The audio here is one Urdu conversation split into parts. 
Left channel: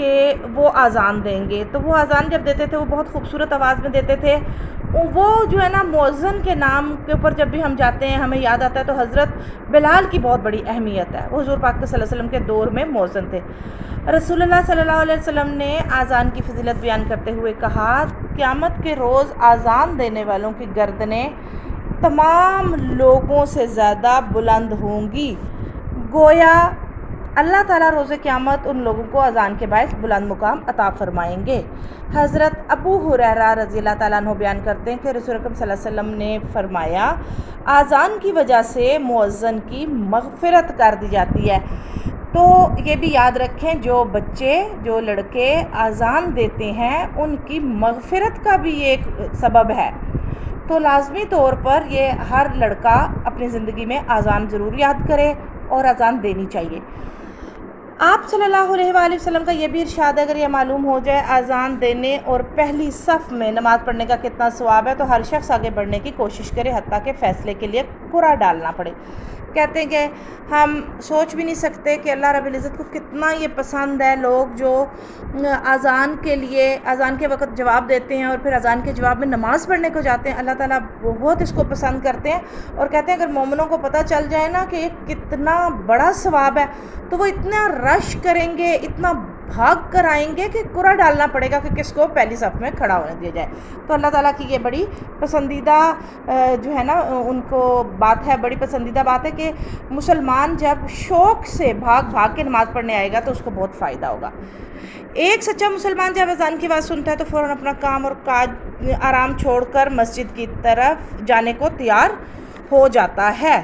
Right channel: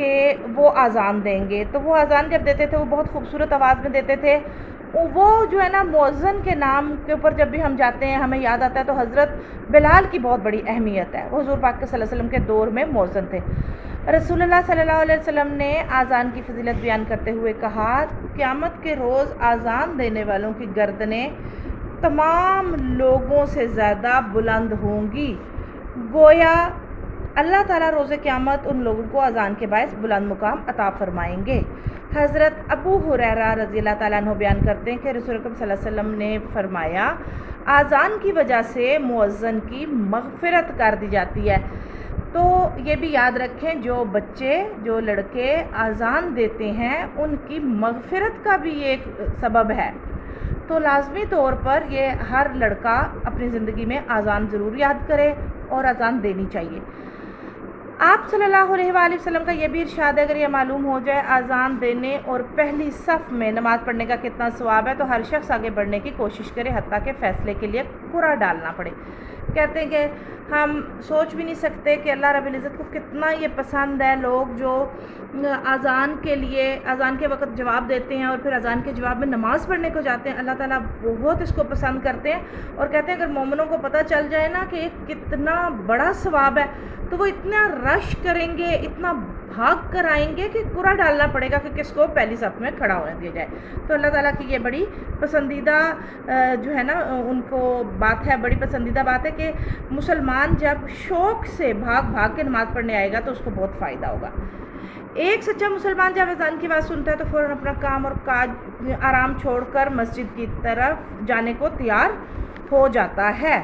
کہ وہ اذان دیں گے. تو وہ اذان جب دیتے تھے وہ بہت خوبصورت آواز میں دیتے تھے. وہ جو ہے نا مؤذن کے نام کے اوپر جب بھی ہم جاتے ہیں ہمیں یاد آتا ہے تو حضرت بلال کی بہت بڑی اہمیت ہے. وہ حضور پاک صلی اللہ علیہ وسلم کے دور میں مؤذن تھے. رسول اللہ صلی اللہ علیہ وسلم نے اذان کی فضیلت بیان کرتے ہوئے کہا قیامت کے روز اذان دینے والوں کی گردنیں تمام لوگوں سے زیادہ بلند ہوں گی. گویا اللہ تعالیٰ روز قیامت ان لوگوں کو اذان کے باعث بلند مقام عطا فرمائیں گے. حضرت ابو ہریرہ رضی اللہ تعالیٰ عنہ بیان کرتے ہیں کہ رسول اکرم صلی اللہ علیہ وسلم نے فرمایا اذان کی وجہ سے مؤذن کی مغفرت کر دی جاتی ہے. تو یہ بھی یاد رکھیں جو بچے جو لڑکے اذان دیتے ہیں ان کی مغفرت کا بھی ایک سبب ہے. تو لازمی طور پر یہ ہر لڑکا اپنی زندگی میں اذان ضرور یاد کرے اور اذان دینی چاہیے. آپ صلی اللہ علیہ وآلہ وسلم کا یہ بھی ارشاد ہے اگر یہ معلوم ہو جائے اذان دینے اور پہلی صف میں نماز پڑھنے کا کتنا ثواب ہے تو ہر شخص آگے بڑھنے کی کوشش کرے حتیٰ کہ فیصلے کے لیے قرعہ ڈالنا پڑے. کہتے ہیں کہ ہم سوچ بھی نہیں سکتے کہ اللہ رب العزت کو کتنا یہ پسند ہے لوگ جو اذان کے لیے اذان کے وقت جواب دیتے ہیں اور پھر اذان کے جواب میں نماز پڑھنے کو جاتے ہیں. اللہ تعالیٰ بہت اس کو پسند کرتے ہیں اور کہتے ہیں اگر مومنوں کو پتہ چل جائے نا کہ یہ کتنا بڑا ثواب ہے تو وہ اتنا رش کریں گے اتنا بھاگ کر آئیں گے کہ قرعہ ڈالنا پڑے گا کہ کس کو پہلی صف میں کھڑا ہونے دیا جائے. تو اللہ تعالیٰ کی یہ بڑی پسندیدہ جو ہے نا ان کو بات ہے, بڑی پسندیدہ بات ہے کہ مسلمان جب شوق سے بھاگ بھاگ کے نماز پڑھنے آئے گا تو اس کو بہت فائدہ ہوگا. ایک سچا مسلمان جب اذان کی آواز سنتا ہے تو فوراً اپنا کام اور کاج آرام چھوڑ کر مسجد کی طرف جانے کو تیار ہو جاتا ہے.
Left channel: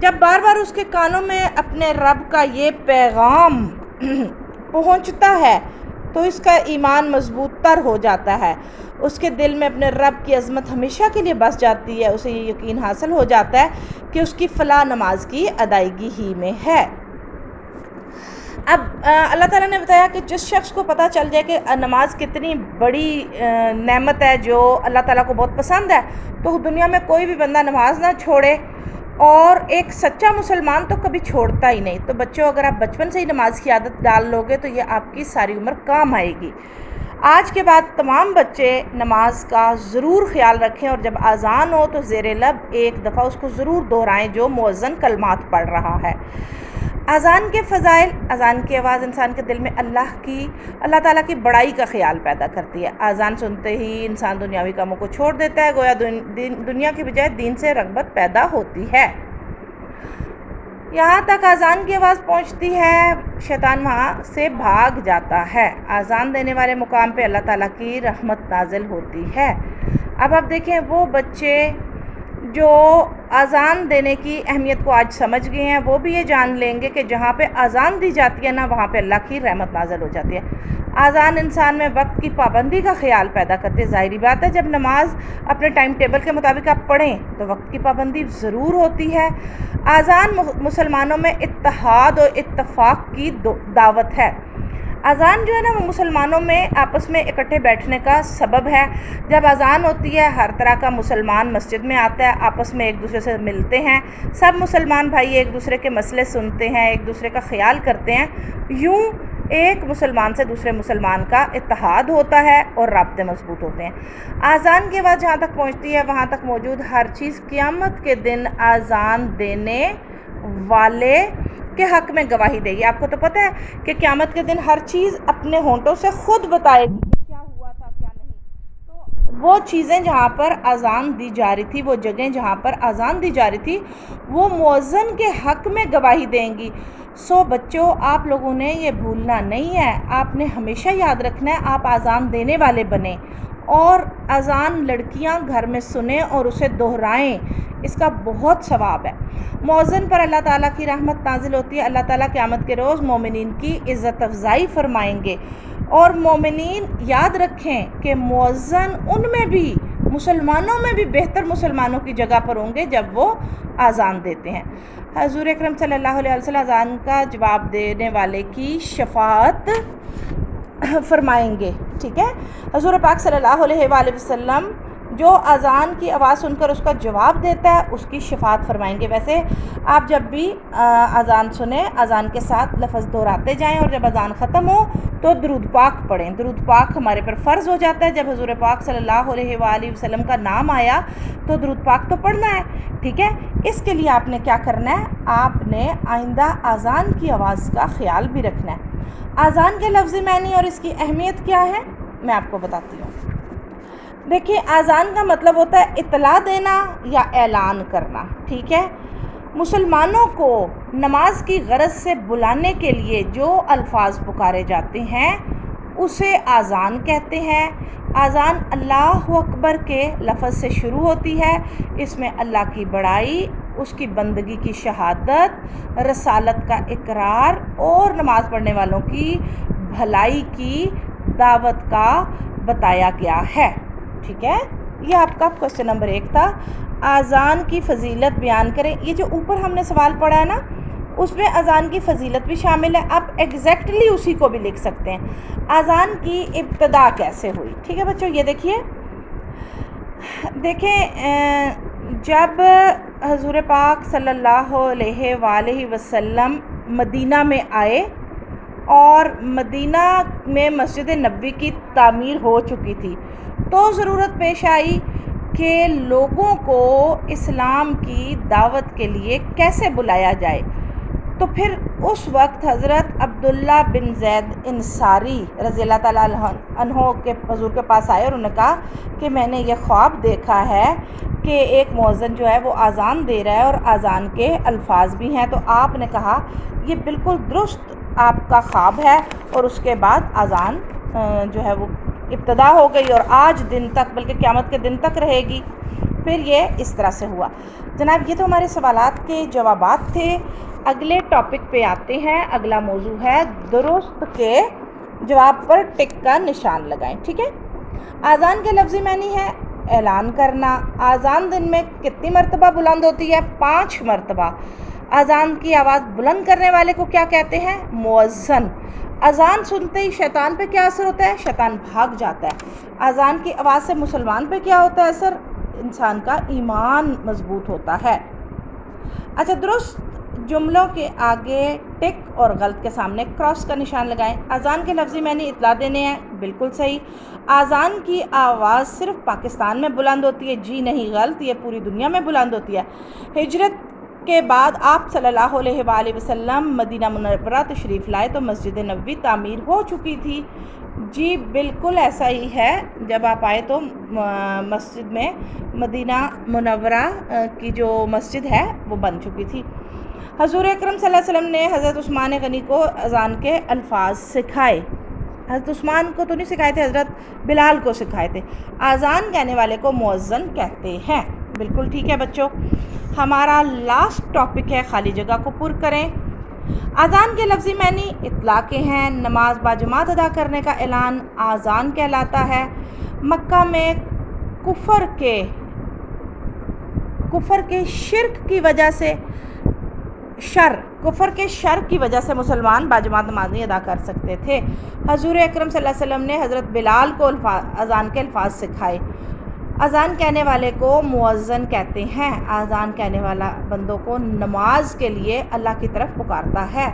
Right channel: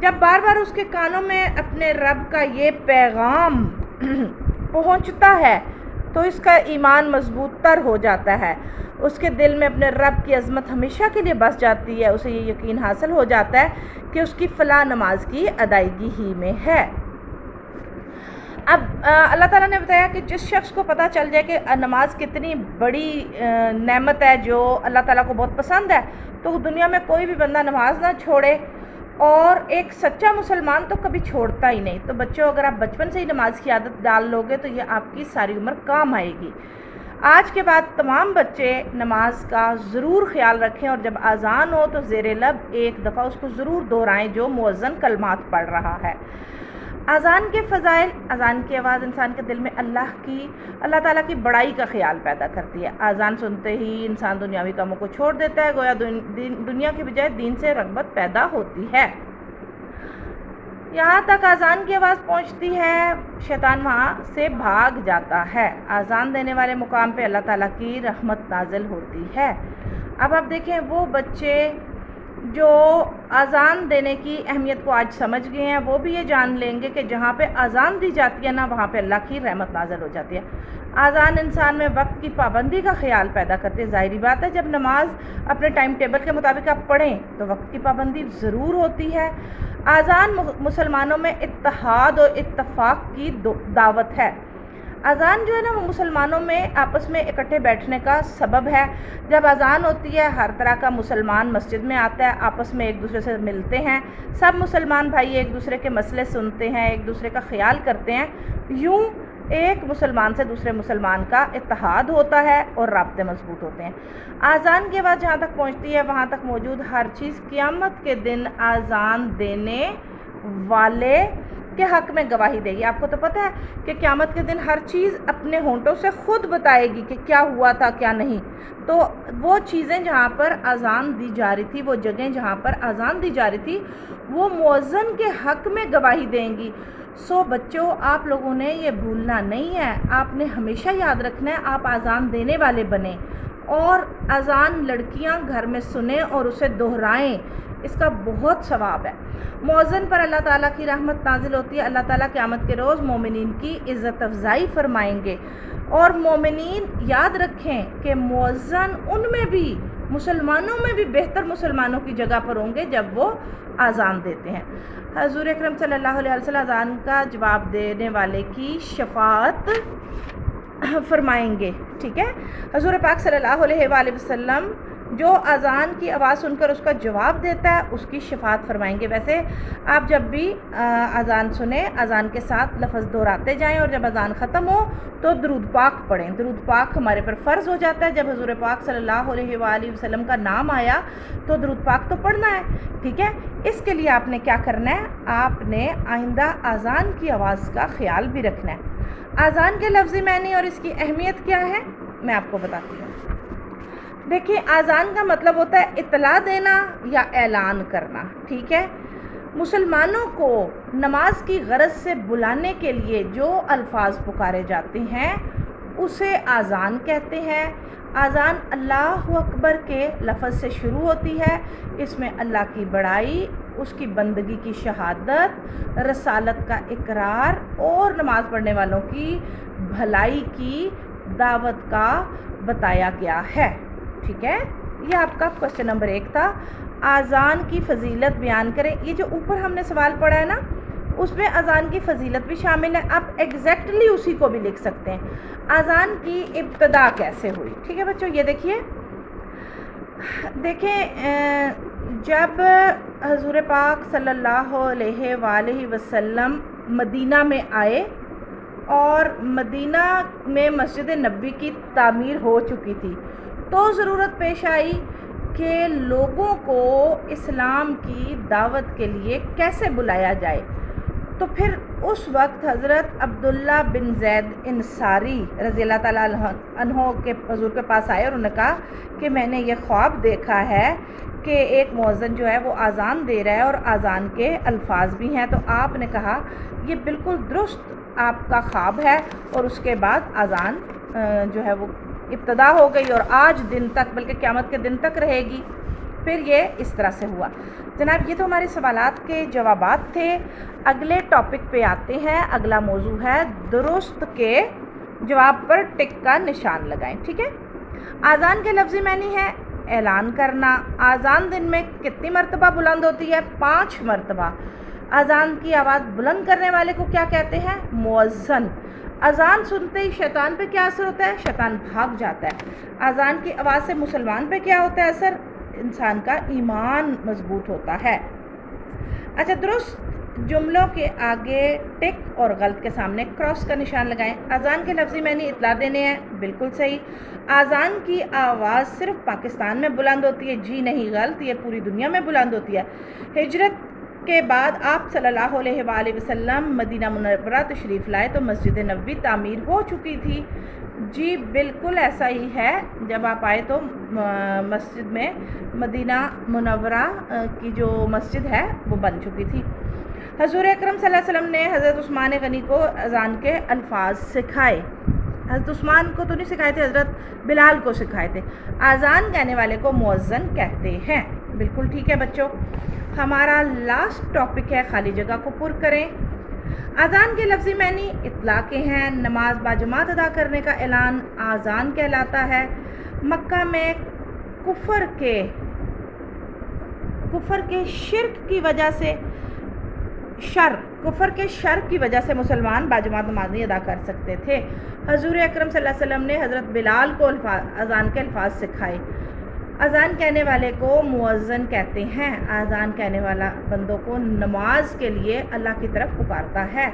جب بار بار اس کے کانوں میں اپنے رب کا یہ پیغام پہنچتا ہے تو اس کا ایمان مضبوط تر ہو جاتا ہے. اس کے دل میں اپنے رب کی عظمت ہمیشہ کے لیے بس جاتی ہے. اسے یہ یقین حاصل ہو جاتا ہے کہ اس کی فلاح نماز کی ادائیگی ہی میں ہے. اب اللہ تعالیٰ نے بتایا کہ جس شخص کو پتہ چل جائے کہ نماز کتنی بڑی نعمت ہے جو اللہ تعالیٰ کو بہت پسند ہے تو دنیا میں کوئی بھی بندہ نماز نہ چھوڑے, اور ایک سچا مسلمان تو کبھی چھوڑتا ہی نہیں. تو بچوں اگر آپ بچپن سے ہی نماز کی عادت ڈال لو گے تو یہ آپ کی ساری عمر کام آئے گی. آج کے بعد تمام بچے نماز کا ضرور خیال رکھیں اور جب اذان ہو تو زیر لب ایک دفعہ اس کو ضرور دہرائیں جو مؤذن کلمات پڑھ رہا ہے. اذان کے فضائل. اذان کی آواز انسان کے دل میں اللہ تعالیٰ کی بڑائی کا خیال پیدا کرتی ہے. اذان سنتے ہی انسان دنیاوی کاموں کو چھوڑ دیتا ہے, گویا دنیا کی بجائے دین سے رغبت پیدا ہوتی ہے. یہاں تک اذان کی آواز پہنچتی ہے شیطان وہاں سے بھاگ جاتا ہے. اذان دینے والے مقام پہ اللہ تعالیٰ کی رحمت نازل ہوتی ہے. اب آپ دیکھیں وہ بچے جو اذان دینے کی اہمیت کو آج سمجھ گئے ہیں وہ بھی یہ جان لیں گے کہ جہاں پہ اذان دی جاتی ہے نا وہاں پہ اللہ کی رحمت نازل ہو جاتی ہے. اذان انسان میں وقت کی پابندی کا خیال پیدا کرتے ہیں. ظاہری بات ہے جب نماز اپنے ٹائم ٹیبل کے مطابق آپ پڑھیں تو وقت کی پابندی ضرور ہوتی ہے. اذان مسلمانوں میں اتحاد اور اتفاق کی دعوت ہے. اذان جو ہے نا وہ مسلمانوں میں آپس میں اکٹھے بیٹھنے کا سبب ہے. جب اذان ہوتی ہے ہر طرح کا مسلمان مسجد میں آتا ہے, آپس میں ایک دوسرے سے ملتے ہیں, سب مسلمان بھائی ایک دوسرے کے مسئلے سنتے ہیں, ایک دوسرے کا خیال کرتے ہیں. یوں ایک مسلمان سے دوسرے مسلمان کا اتحاد ہوتا ہے اور رابطے مضبوط ہوتے ہیں. اذان کے بعد جہاں تک پہنچتی ہے وہاں تک موجود ہر چیز قیامت کے دن اذان دینے والے کے حق میں گواہی دے گی. آپ کو تو پتہ ہے کہ قیامت کے دن ہر چیز اپنے ہونٹوں سے خود بتائے گی کہ کیا ہوا تھا کیا نہیں. تو وہ چیزیں جہاں پر اذان دی جا رہی تھی, وہ جگہیں جہاں پر اذان دی جا رہی تھی وہ مؤذن کے حق میں گواہی دیں گی. سو بچوں آپ لوگوں نے یہ بھولنا نہیں ہے, آپ نے ہمیشہ یاد رکھنا ہے آپ اذان دینے والے بنیں اور اذان لڑکیاں گھر میں سنیں اور اسے دہرائیں. اس کا بہت ثواب ہے. مؤذن پر اللہ تعالیٰ کی رحمت نازل ہوتی ہے. اللہ تعالیٰ قیامت کے روز مومنین کی عزت افزائی فرمائیں گے اور مومنین یاد رکھیں کہ مؤذن ان میں بھی مسلمانوں میں بھی بہتر مسلمانوں کی جگہ پر ہوں گے جب وہ اذان دیتے ہیں. حضور اکرم صلی اللہ علیہ وسلم اذان کا جواب دینے والے کی شفاعت فرمائیں گے. ٹھیک ہے, حضور پاک صلی اللہ علیہ وآلہ وسلم جو اذان کی آواز سن کر اس کا جواب دیتا ہے اس کی شفاعت فرمائیں گے۔ ویسے آپ جب بھی اذان سنیں اذان کے ساتھ لفظ دہراتے جائیں، اور جب اذان ختم ہو تو درود پاک پڑھیں۔ درود پاک ہمارے پر فرض ہو جاتا ہے، جب حضور پاک صلی اللہ علیہ وآلہ وسلم کا نام آیا تو درود پاک تو پڑھنا ہے، ٹھیک ہے۔ اس کے لیے آپ نے کیا کرنا ہے، آپ نے آئندہ اذان کی آواز کا خیال بھی رکھنا ہے۔ اذان کے لفظی معنی اور اس کی اہمیت کیا ہے میں آپ کو بتاتی ہوں۔ دیکھیے، اذان کا مطلب ہوتا ہے اطلاع دینا یا اعلان کرنا، ٹھیک ہے۔ مسلمانوں کو نماز کی غرض سے بلانے کے لیے جو الفاظ پکارے جاتے ہیں اسے اذان کہتے ہیں۔ اذان اللہ اکبر کے لفظ سے شروع ہوتی ہے۔ اس میں اللہ کی بڑائی، اس کی بندگی کی شہادت، رسالت کا اقرار اور نماز پڑھنے والوں کی بھلائی کی دعوت کا بتایا گیا ہے، ٹھیک ہے۔ یہ آپ کا کوشچن نمبر 1 تھا۔ اذان کی فضیلت بیان کریں۔ یہ جو اوپر ہم نے سوال پڑھا ہے نا، اس میں اذان کی فضیلت بھی شامل ہے۔ آپ ایگزیکٹلی اسی کو بھی لکھ سکتے ہیں۔ اذان کی ابتدا کیسے ہوئی، ٹھیک ہے بچوں۔ یہ دیکھیں جب حضور پاک صلی اللہ علیہ وآلہ وسلم مدینہ میں آئے اور مدینہ میں مسجد نبوی کی تعمیر ہو چکی تھی، تو ضرورت پیش آئی کہ لوگوں کو اسلام کی دعوت کے لیے کیسے بلایا جائے۔ تو پھر اس وقت حضرت عبداللہ بن زید انصاری رضی اللہ تعالیٰ عنہ کے حضور کے پاس آئے اور انہوں نے کہا کہ میں نے یہ خواب دیکھا ہے کہ ایک مؤذن جو ہے وہ اذان دے رہا ہے اور اذان کے الفاظ بھی ہیں۔ تو آپ نے کہا یہ بالکل درست آپ کا خواب ہے، اور اس کے بعد اذان جو ہے وہ ابتدا ہو گئی اور آج دن تک، بلکہ قیامت کے دن تک رہے گی۔ پھر یہ اس طرح سے ہوا۔ جناب یہ تو ہمارے سوالات کے جوابات تھے۔ اگلے ٹاپک پہ آتے ہیں۔ اگلا موضوع ہے درست کے جواب پر ٹک کا نشان لگائیں، ٹھیک ہے۔ اذان کے لفظی معنی ہے اعلان کرنا۔ اذان دن میں کتنی مرتبہ بلند ہوتی ہے؟ 5 مرتبہ۔ اذان کی آواز بلند کرنے والے کو کیا کہتے ہیں؟ مؤذن۔ اذان سنتے ہی شیطان پہ کیا اثر ہوتا ہے؟ شیطان بھاگ جاتا ہے۔ اذان کی آواز سے مسلمان پہ کیا ہوتا ہے اثر؟ انسان کا ایمان مضبوط ہوتا ہے۔ اچھا، درست جملوں کے آگے ٹک اور غلط کے سامنے کراس کا نشان لگائیں۔ اذان کے لفظی معنی اطلاع دینے ہیں، بالکل صحیح۔ اذان کی آواز صرف پاکستان میں بلند ہوتی ہے، جی نہیں، غلط، یہ پوری دنیا میں بلند ہوتی ہے۔ ہجرت کے بعد آپ صلی اللہ علیہ وآلہ وسلم مدینہ منورہ تشریف لائے تو مسجد نبوی تعمیر ہو چکی تھی، جی بالکل ایسا ہی ہے۔ جب آپ آئے تو مسجد میں مدینہ منورہ کی جو مسجد ہے وہ بن چکی تھی۔ حضور اکرم صلی اللہ علیہ وسلم نے حضرت عثمان غنی کو اذان کے الفاظ سکھائے۔ حضرت عثمان کو تو نہیں سکھائے تھے، حضرت بلال کو سکھائے تھے۔ اذان کہنے والے کو مؤذن کہتے ہیں، بالکل ٹھیک ہے بچوں۔ ہمارا لاسٹ ٹاپک ہے خالی جگہ کو پر کریں۔ اذان کے لفظی معنی اطلاع کے ہیں۔ نماز باجماعت ادا کرنے کا اعلان اذان کہلاتا ہے۔ مکہ میں کفر کے شر کی وجہ سے مسلمان باجماعت نماز نہیں ادا کر سکتے تھے۔ حضور اکرم صلی اللہ علیہ وسلم نے حضرت بلال کو اذان کے الفاظ سکھائے۔ اذان کہنے والے کو مؤذن کہتے ہیں۔ اذان کہنے والا بندوں کو نماز کے لیے اللہ کی طرف پکارتا ہے۔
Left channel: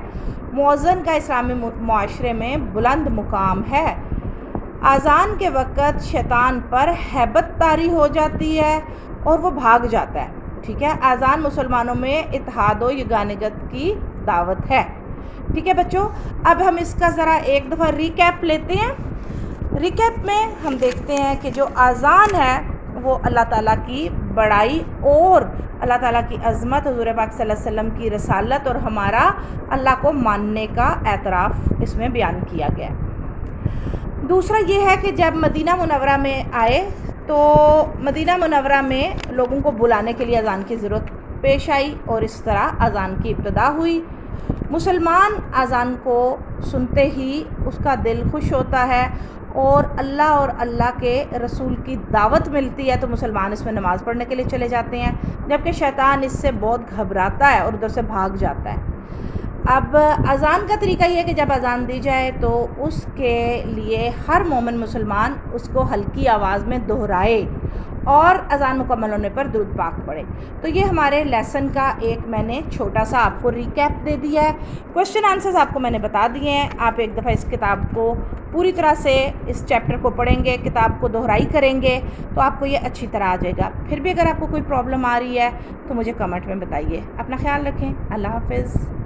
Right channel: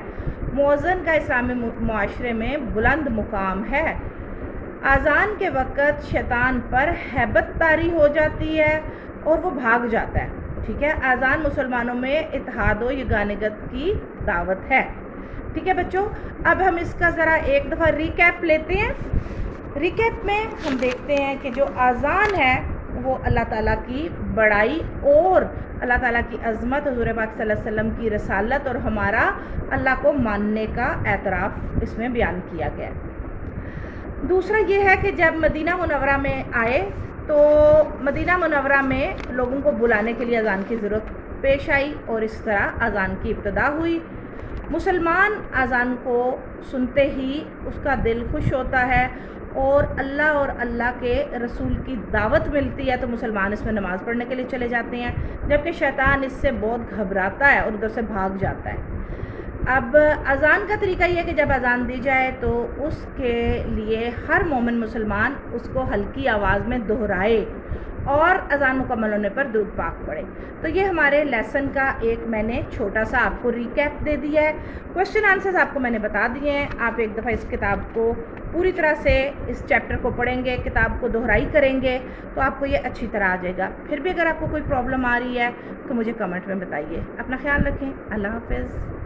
مؤذن کا اسلامی معاشرے میں بلند مقام ہے۔ اذان کے وقت شیطان پر ہیبت طاری ہو جاتی ہے اور وہ بھاگ جاتا ہے، ٹھیک ہے۔ اذان مسلمانوں میں اتحاد و یگانگت کی دعوت ہے، ٹھیک ہے بچوں۔ اب ہم اس کا ذرا ایک دفعہ ریکیپ لیتے ہیں۔ ریکیپ میں ہم دیکھتے ہیں کہ جو اذان ہے وہ اللہ تعالیٰ کی بڑائی اور اللہ تعالیٰ کی عظمت، حضور پاک صلی اللہ علیہ وسلم کی رسالت اور ہمارا اللہ کو ماننے کا اعتراف اس میں بیان کیا گیا۔ دوسرا یہ ہے کہ جب مدینہ منورہ میں آئے تو مدینہ منورہ میں لوگوں کو بلانے کے لیے اذان کی ضرورت پیش آئی اور اس طرح اذان کی ابتدا ہوئی۔ مسلمان اذان کو سنتے ہی اس کا دل خوش ہوتا ہے اور اللہ کے رسول کی دعوت ملتی ہے تو مسلمان اس میں نماز پڑھنے کے لیے چلے جاتے ہیں، جبکہ شیطان اس سے بہت گھبراتا ہے اور ادھر سے بھاگ جاتا ہے۔ اب اذان کا طریقہ یہ ہے کہ جب اذان دی جائے تو اس کے لیے ہر مومن مسلمان اس کو ہلکی آواز میں دہرائے اور اذان مکمل ہونے پر درود پاک پڑھیں۔ تو یہ ہمارے لیسن کا ایک میں نے چھوٹا سا آپ کو ریکیپ دے دیا ہے۔ کوشچن آنسرز آپ کو میں نے بتا دیے ہیں، آپ ایک دفعہ اس کتاب کو پوری طرح سے اس چیپٹر کو پڑھیں گے، کتاب کو دہرائی کریں گے تو آپ کو یہ اچھی طرح آ جائے گا۔ پھر بھی اگر آپ کو کوئی پرابلم آ رہی ہے تو مجھے کمنٹ میں بتائیے۔ اپنا خیال رکھیں، اللہ حافظ۔